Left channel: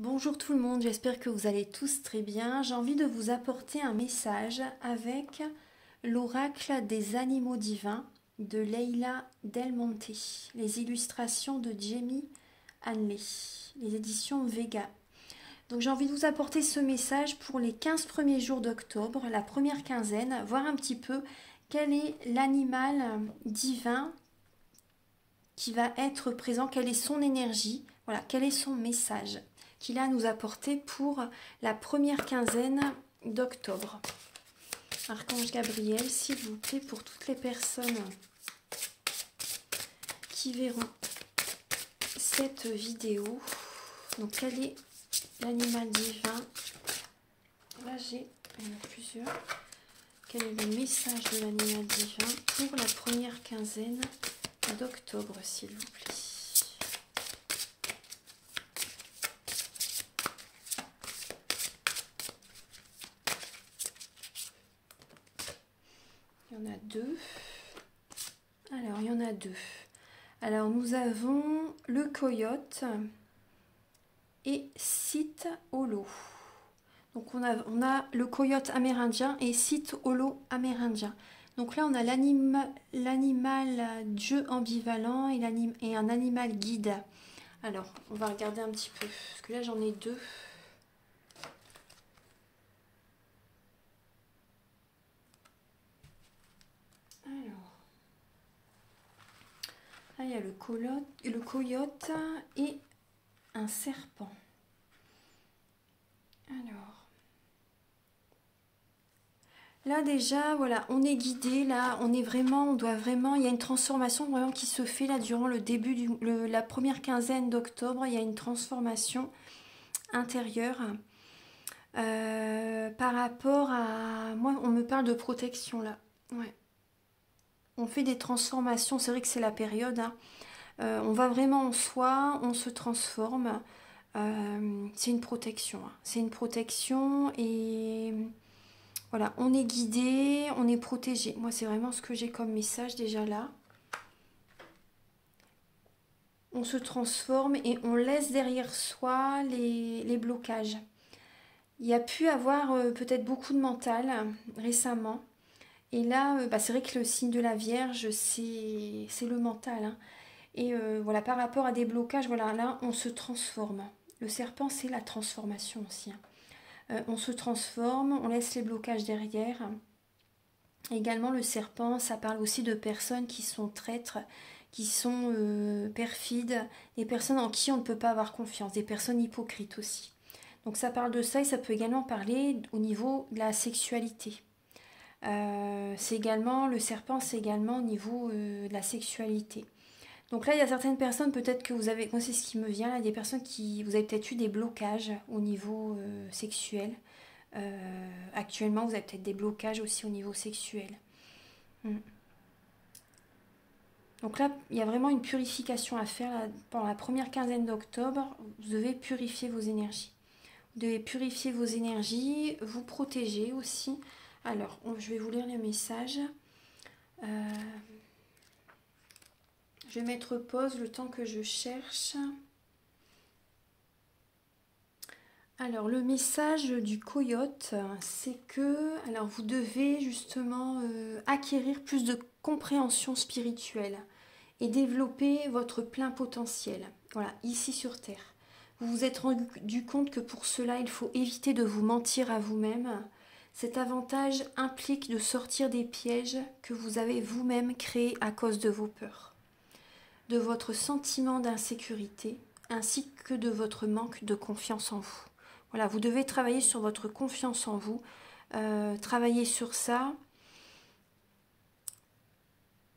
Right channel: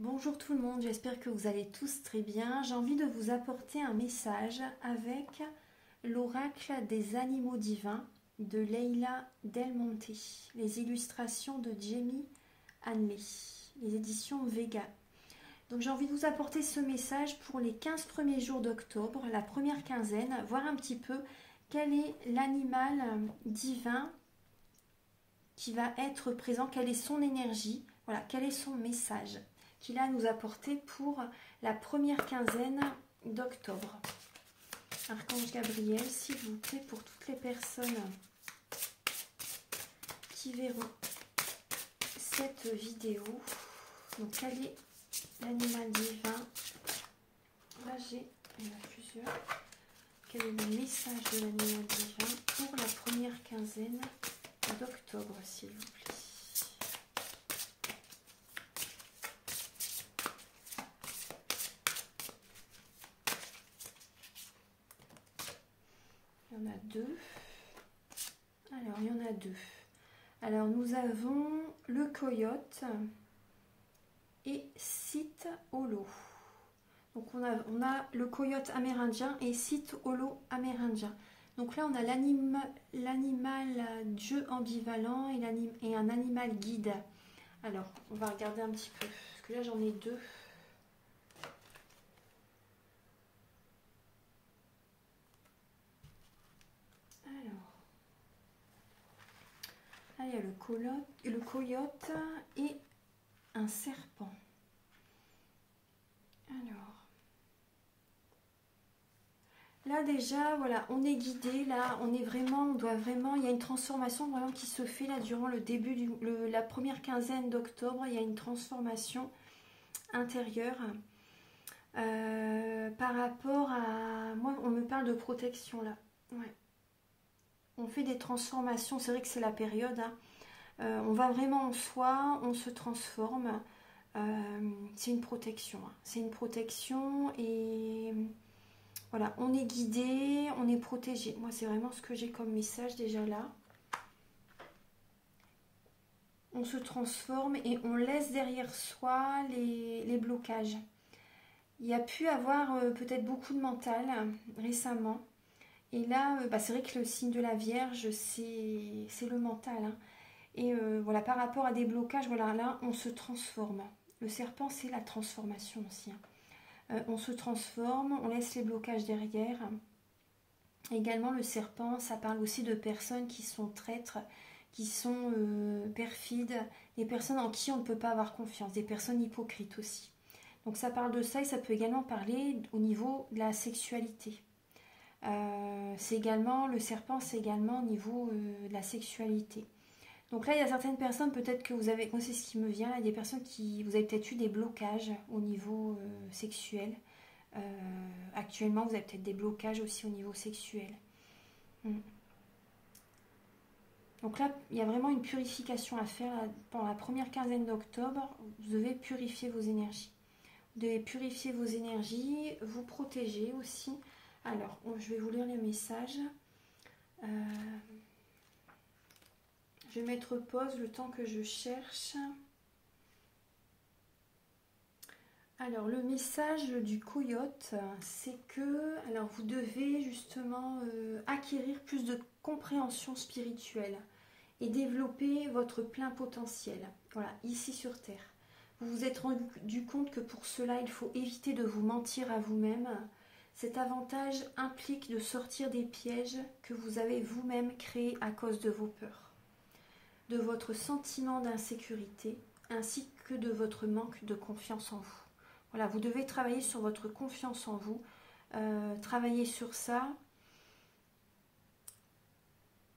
Bonjour tout le monde, j'espère que vous allez tous très bien. J'ai envie de vous apporter un message avec l'oracle des animaux divins de Leila Del Monte, les illustrations de Jamie Hanley, les éditions Vega. Donc j'ai envie de vous apporter ce message pour les 15 premiers jours d'octobre, la première quinzaine, voir un petit peu quel est l'animal divin qui va être présent, quelle est son énergie, voilà, quel est son message qu'il a à nous apporter pour la première quinzaine d'octobre. Archange Gabriel, s'il vous plaît, pour toutes les personnes qui verront cette vidéo. Donc, quel est l'animal divin? Là, il y en a plusieurs. Quel est le message de l'animal divin pour la première quinzaine d'octobre, s'il vous plaît? Il y en a deux. Alors, il y en a deux. Alors, nous avons le coyote et Sith Holo. Donc, on a le coyote amérindien et Sith Holo amérindien. Donc là, on a l'animal dieu ambivalent et un animal guide. Alors, on va regarder un petit peu, parce que là, j'en ai deux. Alors, là, il y a le coyote et un serpent. Alors, là déjà, voilà, on est guidé, là, on doit vraiment, il y a une transformation vraiment qui se fait là durant le début la première quinzaine d'octobre. Il y a une transformation intérieure par rapport à, moi, on me parle de protection là, ouais. On fait des transformations, c'est vrai que c'est la période, hein. On va vraiment en soi, on se transforme. C'est une protection, hein. C'est une protection et voilà, on est guidé, on est protégé. Moi, c'est vraiment ce que j'ai comme message déjà là. On se transforme et on laisse derrière soi les blocages. Il y a pu avoir peut-être beaucoup de mental récemment. Et là, c'est vrai que le signe de la Vierge, c'est le mental, hein. Et voilà, par rapport à des blocages, voilà, là, on se transforme. Le serpent, c'est la transformation aussi, hein. On se transforme, on laisse les blocages derrière. Également, le serpent, ça parle aussi de personnes qui sont traîtres, qui sont perfides, des personnes en qui on ne peut pas avoir confiance, des personnes hypocrites aussi. Donc ça parle de ça et ça peut également parler au niveau de la sexualité. Le serpent, c'est également au niveau de la sexualité. Donc là, il y a certaines personnes, peut-être que vous avez, moi c'est ce qui me vient, là, il y a des personnes vous avez peut-être eu des blocages au niveau sexuel. Actuellement, vous avez peut-être des blocages aussi au niveau sexuel. Donc là, il y a vraiment une purification à faire pendant la première quinzaine d'octobre. Vous devez purifier vos énergies. Vous devez purifier vos énergies, vous protéger aussi. Alors, je vais vous lire les messages. Je vais mettre pause le temps que je cherche. Alors, le message du coyote, c'est que vous devez justement acquérir plus de compréhension spirituelle et développer votre plein potentiel, voilà, ici sur Terre. Vous vous êtes rendu compte que pour cela, il faut éviter de vous mentir à vous-même. Cet avantage implique de sortir des pièges que vous avez vous-même créés à cause de vos peurs, de votre sentiment d'insécurité, ainsi que de votre manque de confiance en vous. Voilà, vous devez travailler sur votre confiance en vous, travailler sur ça.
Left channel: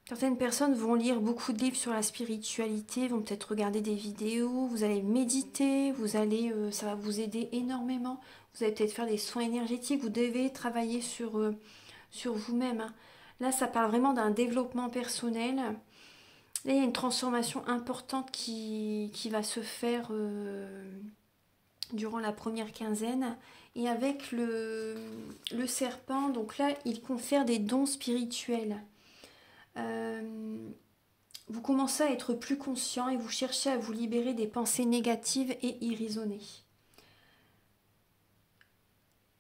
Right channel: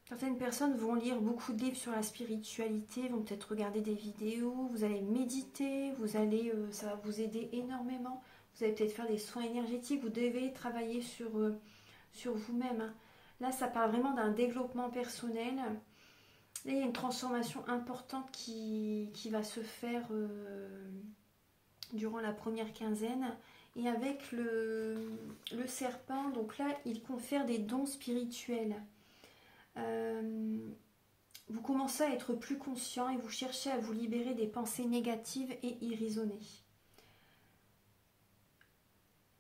Certaines personnes vont lire beaucoup de livres sur la spiritualité, vont peut-être regarder des vidéos, vous allez méditer, ça va vous aider énormément. Vous allez peut-être faire des soins énergétiques, vous devez travailler sur vous-même, hein. Là, ça parle vraiment d'un développement personnel. Là, il y a une transformation importante qui va se faire durant la première quinzaine. Et avec le serpent, donc là, il confère des dons spirituels. Vous commencez à être plus conscient et vous cherchez à vous libérer des pensées négatives et irraisonnées.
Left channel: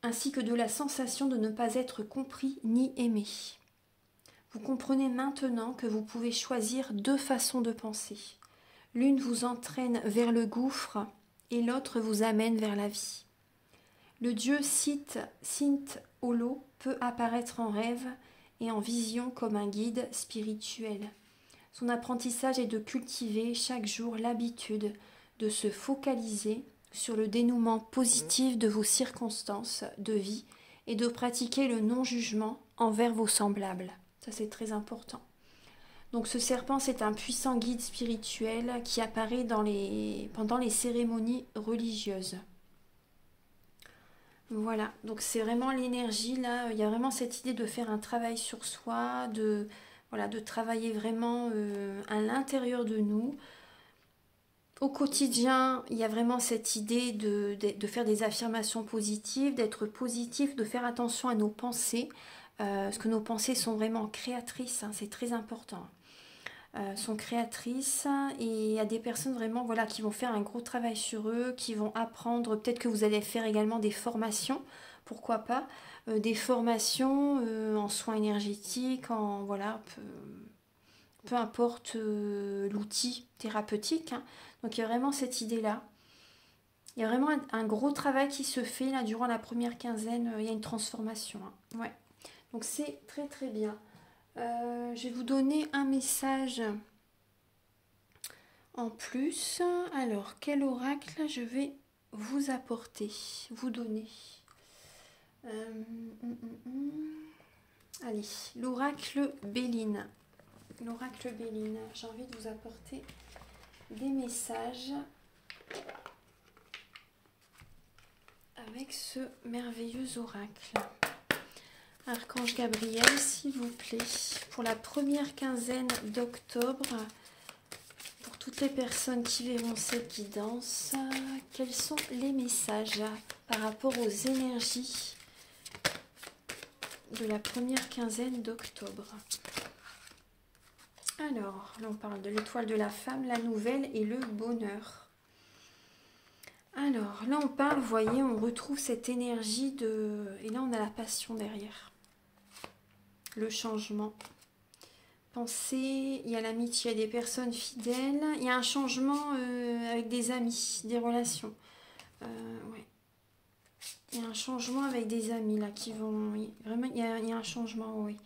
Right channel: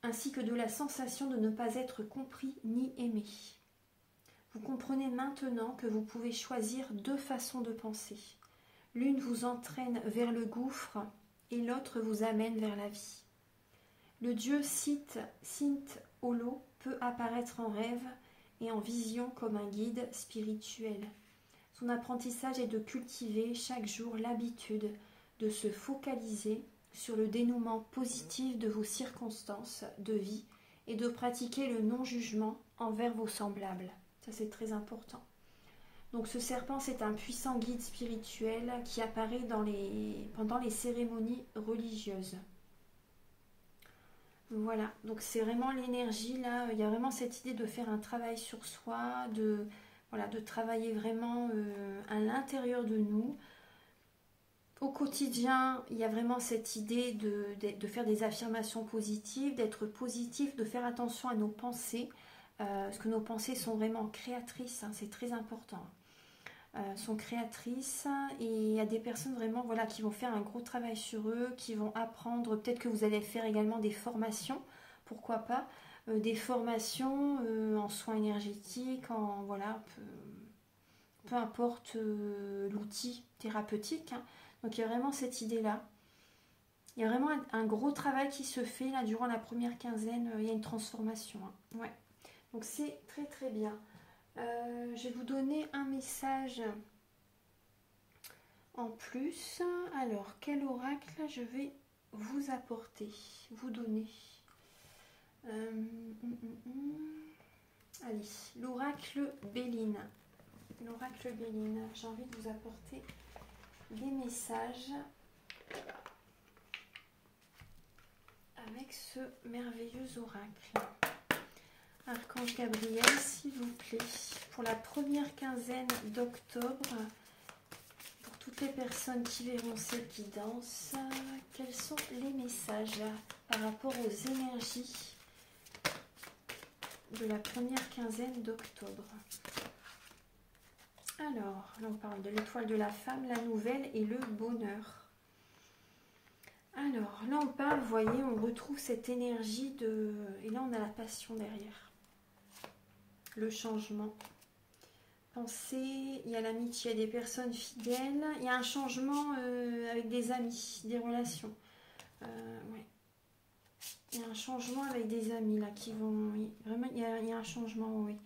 ainsi que de la sensation de ne pas être compris ni aimé. Vous comprenez maintenant que vous pouvez choisir deux façons de penser. L'une vous entraîne vers le gouffre et l'autre vous amène vers la vie. Le dieu Sint Holo peut apparaître en rêve et en vision comme un guide spirituel. Son apprentissage est de cultiver chaque jour l'habitude de se focaliser sur le dénouement positif de vos circonstances de vie et de pratiquer le non-jugement envers vos semblables. Ça, c'est très important. Donc ce serpent, c'est un puissant guide spirituel qui apparaît pendant les cérémonies religieuses. Voilà, donc c'est vraiment l'énergie là, il y a vraiment cette idée de faire un travail sur soi, de travailler vraiment à l'intérieur de nous. Au quotidien, il y a vraiment cette idée de faire des affirmations positives, d'être positif, de faire attention à nos pensées, parce que nos pensées sont vraiment créatrices, hein, c'est très important. Sont créatrices et il y a des personnes vraiment qui vont faire un gros travail sur eux, qui vont apprendre, peut-être que vous allez faire également des formations, pourquoi pas, des formations en soins énergétiques, peu importe l'outil thérapeutique, hein. Donc il y a vraiment cette idée-là. Il y a vraiment un gros travail qui se fait là durant la première quinzaine, il y a une transformation, hein. Ouais. Donc c'est très très bien. Je vais vous donner un message en plus. Alors, quel oracle je vais vous apporter, vous donner? Allez, l'oracle Béline. L'oracle Béline. J'ai envie de vous apporter des messages avec ce merveilleux oracle. Archange Gabriel, s'il vous plaît, pour la première quinzaine d'octobre, pour toutes les personnes qui verront cette guidance, quels sont les messages par rapport aux énergies de la première quinzaine d'octobre? Alors, là on parle de l'étoile de la femme, la nouvelle et le bonheur. Alors, là on parle, vous voyez, on retrouve cette énergie de... Et là on a la passion derrière. Le changement. Pensez, il y a l'amitié, il y a des personnes fidèles, il y a un changement avec des amis, des relations. Ouais. Il y a un changement avec des amis là qui vont... Oui, vraiment, il y a un changement, oui.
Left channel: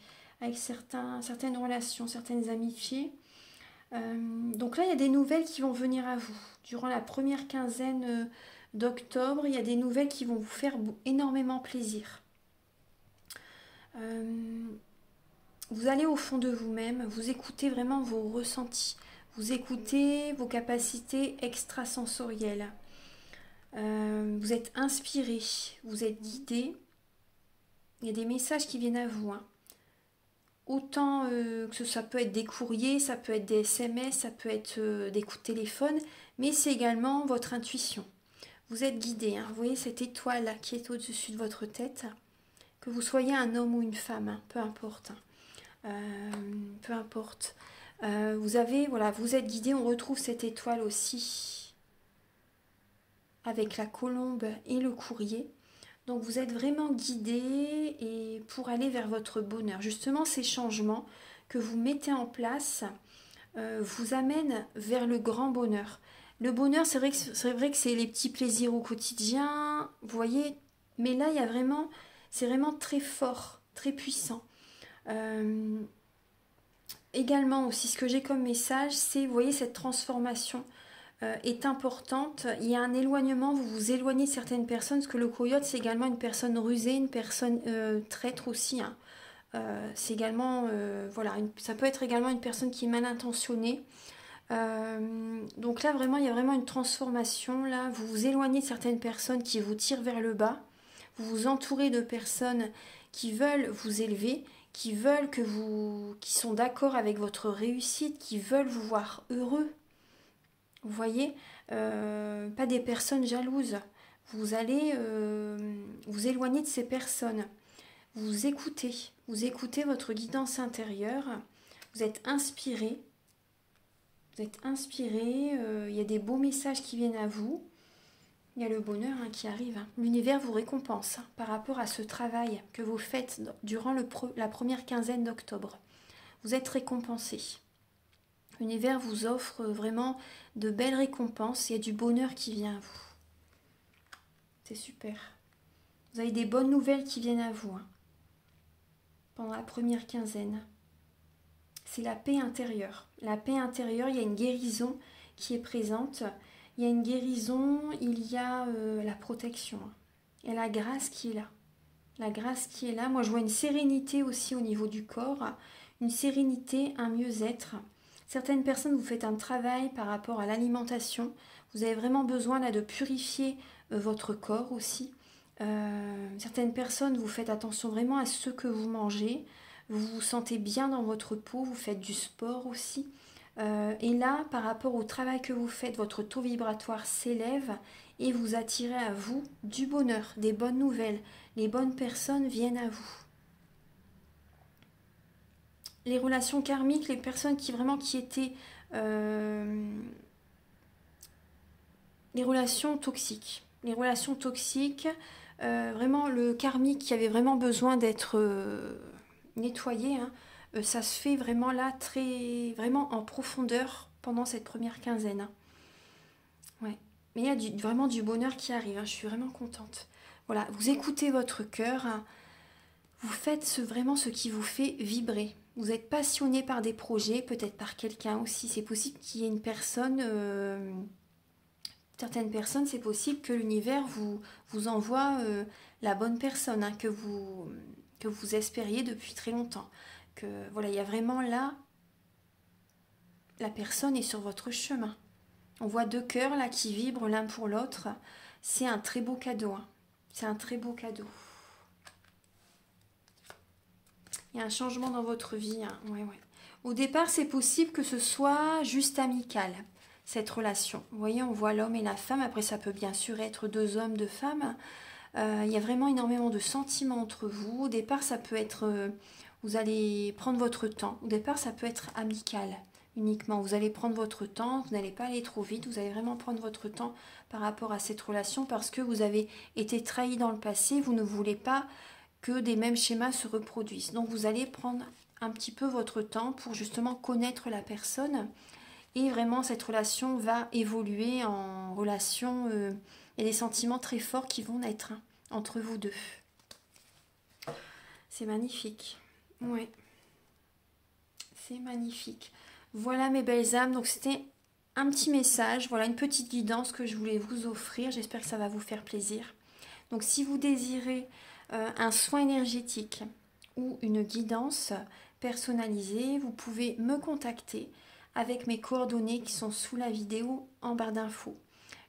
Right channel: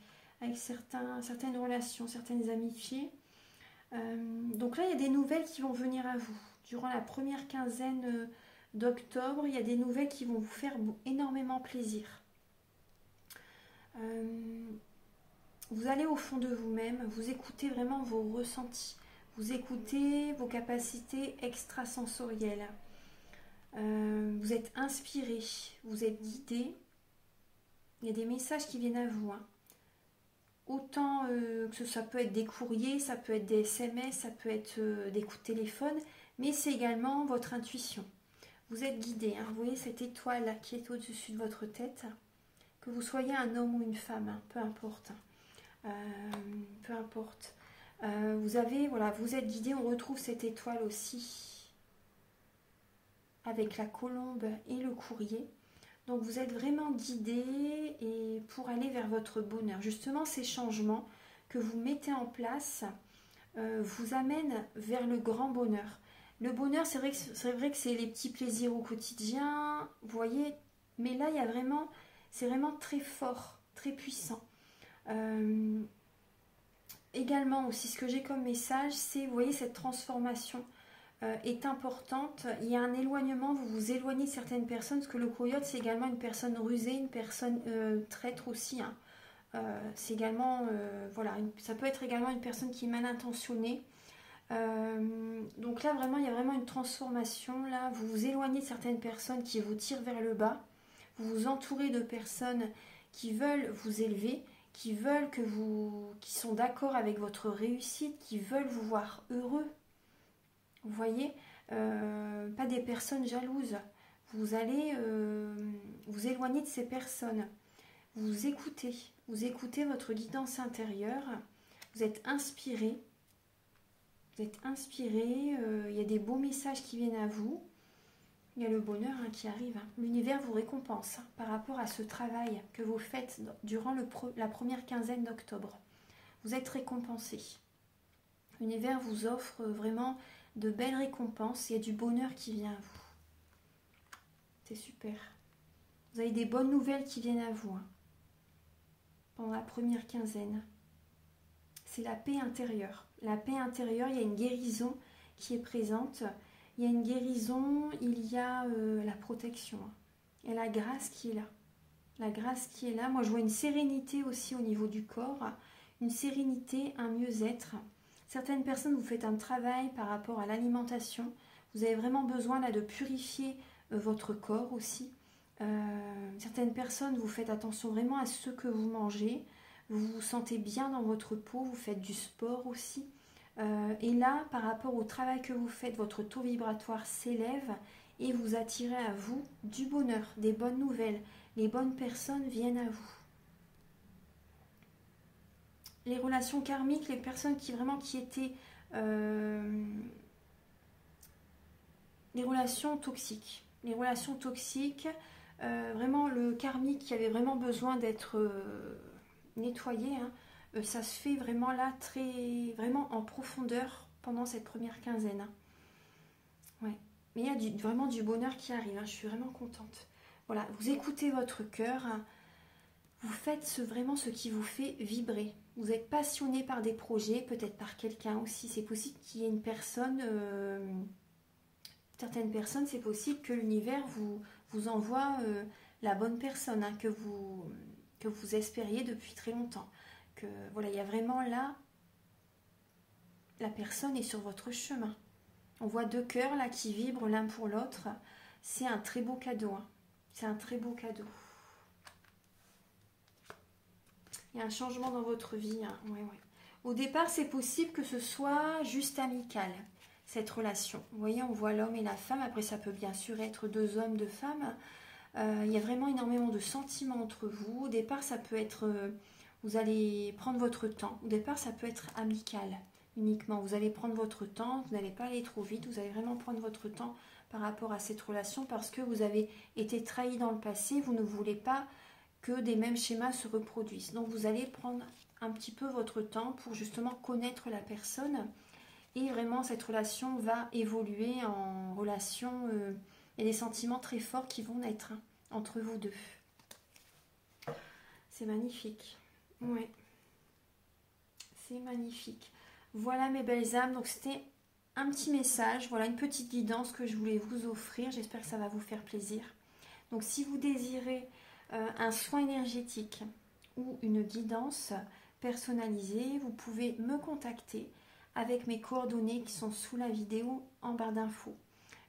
Avec certaines relations, certaines amitiés. Donc là, il y a des nouvelles qui vont venir à vous. Durant la première quinzaine d'octobre, il y a des nouvelles qui vont vous faire énormément plaisir. Vous allez au fond de vous-même, vous écoutez vraiment vos ressentis, vous écoutez vos capacités extrasensorielles. Vous êtes inspiré, vous êtes guidé. Il y a des messages qui viennent à vous, hein. Autant que ça peut être des courriers, ça peut être des SMS, ça peut être des coups de téléphone, mais c'est également votre intuition. Vous êtes guidé, hein. Vous voyez cette étoile qui est au-dessus de votre tête, que vous soyez un homme ou une femme, hein, peu importe. Peu importe. Vous êtes guidé, on retrouve cette étoile aussi avec la colombe et le courrier. Donc vous êtes vraiment guidé et pour aller vers votre bonheur. Justement, ces changements que vous mettez en place vous amènent vers le grand bonheur. Le bonheur, c'est vrai que c'est les petits plaisirs au quotidien, vous voyez, mais là, c'est vraiment très fort, très puissant. Également aussi, ce que j'ai comme message, c'est, vous voyez, cette transformation est importante. Il y a un éloignement, vous vous éloignez de certaines personnes, parce que le coyote, c'est également une personne rusée, une personne traître aussi, hein. C'est également, ça peut être également une personne qui est mal intentionnée. Donc là, vraiment, il y a vraiment une transformation. Là, vous vous éloignez de certaines personnes qui vous tirent vers le bas. Vous vous entourez de personnes qui veulent vous élever, qui sont d'accord avec votre réussite, qui veulent vous voir heureux. Vous voyez, pas des personnes jalouses. Vous allez vous éloigner de ces personnes. Vous écoutez votre guidance intérieure. Vous êtes inspiré. Il y a des beaux messages qui viennent à vous. Il y a le bonheur qui arrive. L'univers vous récompense par rapport à ce travail que vous faites durant la première quinzaine d'octobre. Vous êtes récompensé. L'univers vous offre vraiment de belles récompenses. Il y a du bonheur qui vient à vous. C'est super. Vous avez des bonnes nouvelles qui viennent à vous pendant la première quinzaine. C'est la paix intérieure. La paix intérieure, il y a une guérison qui est présente. Il y a une guérison, il y a la protection. Et la grâce qui est là. La grâce qui est là. Moi, je vois une sérénité aussi au niveau du corps. Une sérénité, un mieux-être. Certaines personnes, vous faites un travail par rapport à l'alimentation. Vous avez vraiment besoin là de purifier votre corps aussi. Certaines personnes, vous faites attention vraiment à ce que vous mangez. Vous vous sentez bien dans votre peau. Vous faites du sport aussi. Et là, par rapport au travail que vous faites, votre taux vibratoire s'élève et vous attirez à vous du bonheur, des bonnes nouvelles. Les bonnes personnes viennent à vous. Les relations karmiques, les personnes qui étaient les relations toxiques. Les relations toxiques, vraiment le karmique qui avait vraiment besoin d'être nettoyé, ça se fait vraiment là, vraiment en profondeur pendant cette première quinzaine. Ouais. Mais il y a vraiment du bonheur qui arrive, je suis vraiment contente. Voilà, vous écoutez votre cœur, vous faites vraiment ce qui vous fait vibrer. Vous êtes passionné par des projets, peut-être par quelqu'un aussi. C'est possible qu'il y ait une personne, certaines personnes, c'est possible que l'univers vous envoie la bonne personne que vous espériez depuis très longtemps. Que voilà, il y a vraiment là, la personne est sur votre chemin. On voit deux cœurs là qui vibrent l'un pour l'autre. C'est un très beau cadeau. C'est un très beau cadeau. Il y a un changement dans votre vie. Ouais. Au départ, c'est possible que ce soit juste amical, cette relation. Vous voyez, on voit l'homme et la femme. Après, ça peut bien sûr être deux hommes, deux femmes. Il y a vraiment énormément de sentiments entre vous. Au départ, ça peut être... vous allez prendre votre temps. Au départ, ça peut être amical uniquement. Vous allez prendre votre temps. Vous n'allez pas aller trop vite. Vous allez vraiment prendre votre temps par rapport à cette relation parce que vous avez été trahi dans le passé. Vous ne voulez pas que des mêmes schémas se reproduisent. Donc vous allez prendre un petit peu votre temps pour justement connaître la personne et vraiment cette relation va évoluer en relation, il y a des sentiments très forts qui vont naître entre vous deux. C'est magnifique. Oui. C'est magnifique. Voilà mes belles âmes, donc c'était un petit message, voilà une petite guidance que je voulais vous offrir, j'espère que ça va vous faire plaisir. Donc si vous désirez un soin énergétique ou une guidance personnalisée, vous pouvez me contacter avec mes coordonnées qui sont sous la vidéo en barre d'infos.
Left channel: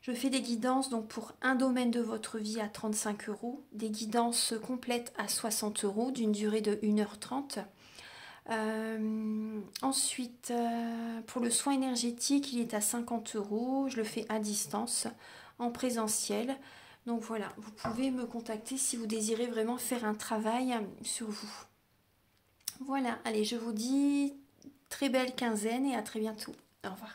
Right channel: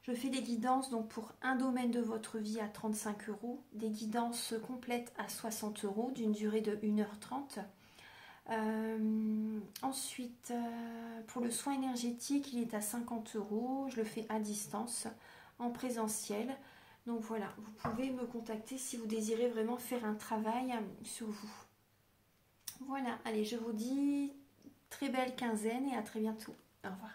Je fais des guidances donc pour un domaine de votre vie à 35 €, des guidances complètes à 60 € d'une durée de 1h30. Ensuite, pour le soin énergétique, il est à 50 €. Je le fais à distance, en présentiel. Donc voilà, vous pouvez me contacter si vous désirez vraiment faire un travail sur vous. Voilà, allez, je vous dis très belle quinzaine et à très bientôt. Au revoir.